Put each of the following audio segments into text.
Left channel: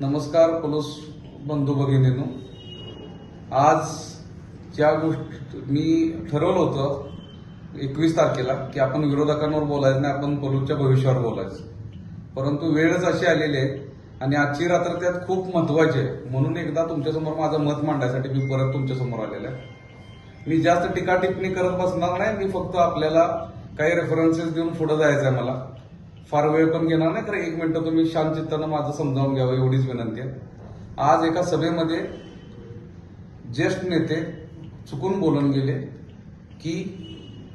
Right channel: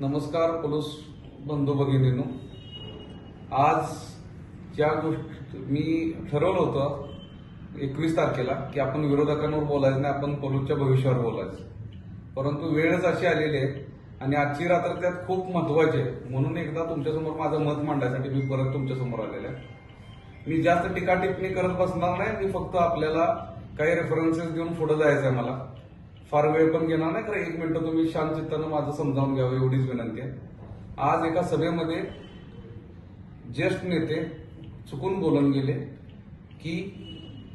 नमस्कार पोलीस बंधू भगिनीनो. आज ज्या गोष्टी मी ठरवलं होतं एकवीस तारखेला की आपण विरोधकांवर बोलायचं नाही आपण पोलूसच्या भविष्यावर बोलायचं. परंतु वेळच अशी आलेली आहे आणि आजची रात्र त्यात खूप महत्वाची आहे. म्हणून एकदा तुमच्यासमोर माझं मत मांडण्यासाठी मी परत तुमच्यासमोर आलेलो आहे. मी जास्त टीका टिप्पणी करत बसणार नाही मी फक्त आपल्याला काही रेफरन्सेस देऊन पुढे जायचं आहे मला. फार वेळ पण घेणार नाही खरं एक मिनिटं तुम्ही शांत चित्तानं माझं समजावून घ्यावं एवढीच विनंती आहे. आज एका सभेमध्ये ज्येष्ठ नेते चुकून बोलून गेले की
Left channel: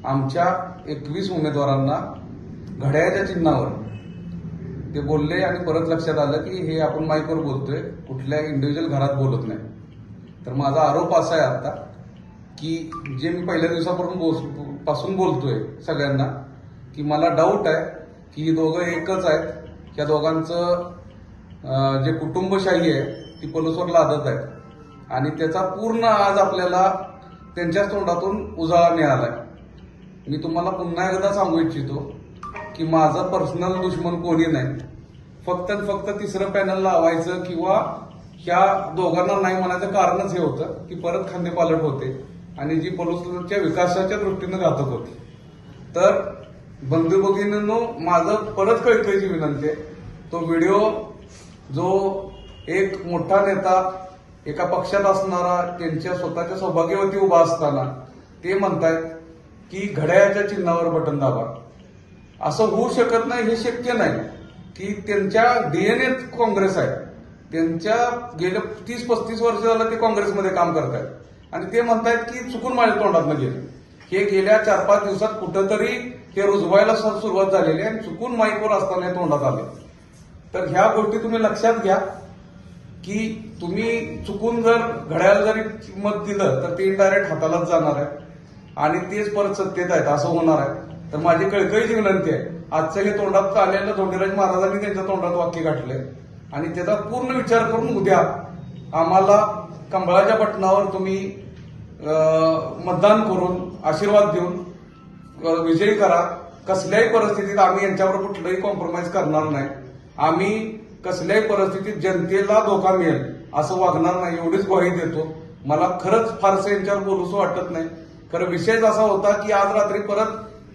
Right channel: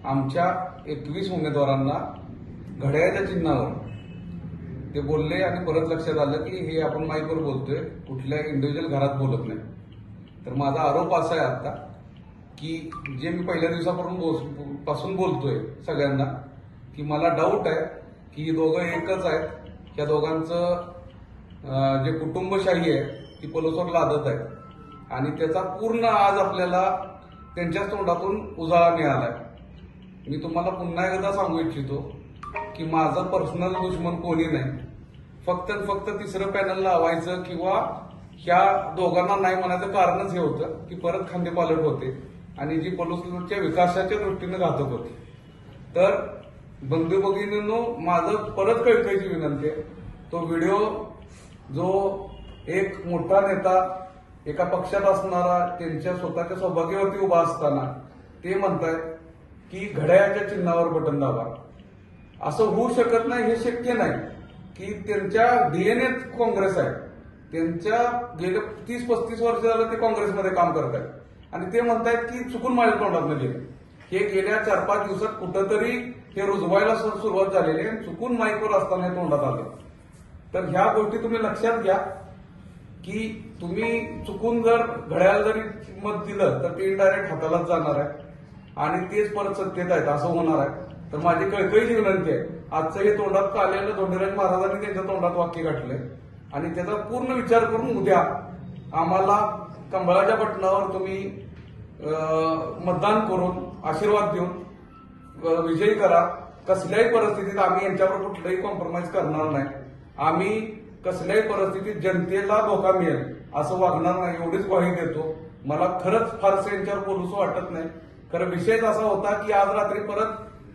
आमच्या एकवीस उमेदवारांना घड्याळ्याच्या चिन्हावर ते बोलले आणि परत लक्षात आलं की हे आपण माईकवर बोलतोय कुठल्या इंडिव्हिज्युअल घरात बोलत नाही. तर माझा आरोप असा आहे आता की जे मी पहिल्या दिवसापासून बोल- पासून बोलतोय सगळ्यांना की मला डाऊट आहे ही दोघं एकच आहेत. या दोघांचं जे कुटुंबशाही आहे ती पोलिसवर लादत आहे. आणि त्याचा पूर्ण आज आपल्याला त्यांच्याच तोंडातून उजाळा मिळाला आहे मी तुम्हाला पुन्हा एकदा सांगू इच्छितो की माझं पर्सनल दुश्मन कोणी नाही. फक्त फक्त तिसरं पॅनल लावायचं किंवा ह्या दोघांना नाही म्हणायचं कारणच हे होतं की परत खांदेपालट होते आणि जी पलूसच्या विकासाच्या दृष्टीनं घातक होती. तर बंधू भगिनींनो माझं परत कळकळीची विनंती आहे तो व्हिडिओ जो एक मोठा नेता एका पक्षात असणारा त्यांच्या स्वतःच्या सौभाग्यवती उभा असताना ते म्हणतायत की घड्याळ्याच्या चिन्हावर बटन दाबा. असं होऊ शकत नाही हे शक्य नाही की त्यांच्या डीएनएत काँग्रेस आहे. त्यांच्या गेल्या तीस पस्तीस वर्ष झालं ते काँग्रेसमध्ये काम करत आहेत आणि ते म्हणतायत की चुकून माझ्या तोंडात गेले हे गेल्या चार पाच दिवसात कुठंतरी हे रुजवायला सुरुवात झालेली आहे आणि चुकून माईकवर असताना हे तोंडात आलं. तर ह्या गोष्टी तुम्ही लक्षात घ्या की तुम्ही चुकून जर घड्याला जरी किंमत दिलं तर ते इनडायरेक्ट हातालाच जाणार आहे. आणि तेच परत सत्तेत आहेत असं होणार आहे. तर माझी कळकळीची विनंती आहे आजच्या हे तोंडात आलेलं धोंडीराज महाराजांनी त्यांच्या तोंडात वाक्य गाठलंय. आणि त्याचा पूर्ण विचार करून उद्या आम्हाला कंबळाच्या बटनावर तुम्ही मतदान करून आशीर्वाद देऊन विजयी करा. कसल्याही परिस्थितीत आम्ही यांच्यावर कुठलंही कॉम्प्रोमाइज करणार नाही. आम्ही कसल्याही परिस्थितीत जनतेला धोका मिळेल असं वागणार नाही एवढीच ग्वाही देतो. मला खरंच फारसं यांच्यावर बोलूसं वाटत नाही. खरं विषयच असा होता की आज रात्री परत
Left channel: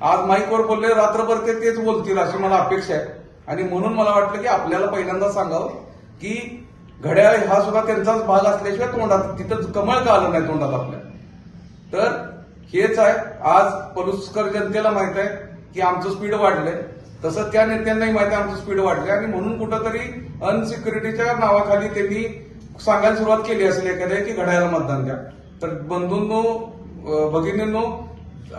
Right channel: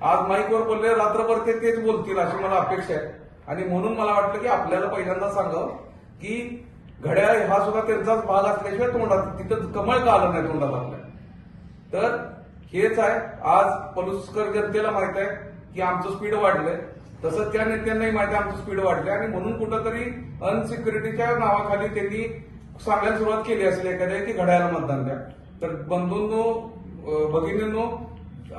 आज माईकवर बोलले रात्रभर ते तेच बोलतील अशी मला अपेक्षा आहे. आणि म्हणून मला वाटलं की आपल्याला पहिल्यांदा सांगावं की घड्याळ हा सुद्धा त्यांचाच भाग असल्याशिवाय तोंडात तिथं कमळ का आलं नाही तोंडात आपल्या? तर हेच आहे. आज पलुसकर जनतेला माहीत आहे की आमचं स्पीड वाढलंय. तसं त्या नेत्यांनाही माहिती आहे आमचं स्पीड वाढलंय. आणि म्हणून कुठंतरी अनसिक्युरिटीच्या नावाखाली त्यांनी सांगायला सुरुवात केली असेल एखाद्या की घड्याला मतदान द्या. तर बंधूंनो भगिनींनो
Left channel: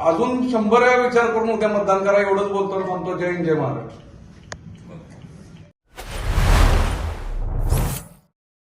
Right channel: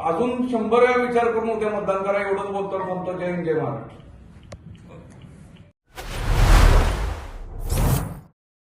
अजून शंभर वेळा विचार करून उद्या मतदान करा. एवढंच बोलतो थांबतो. जय हिंद जय महाराष्ट्र.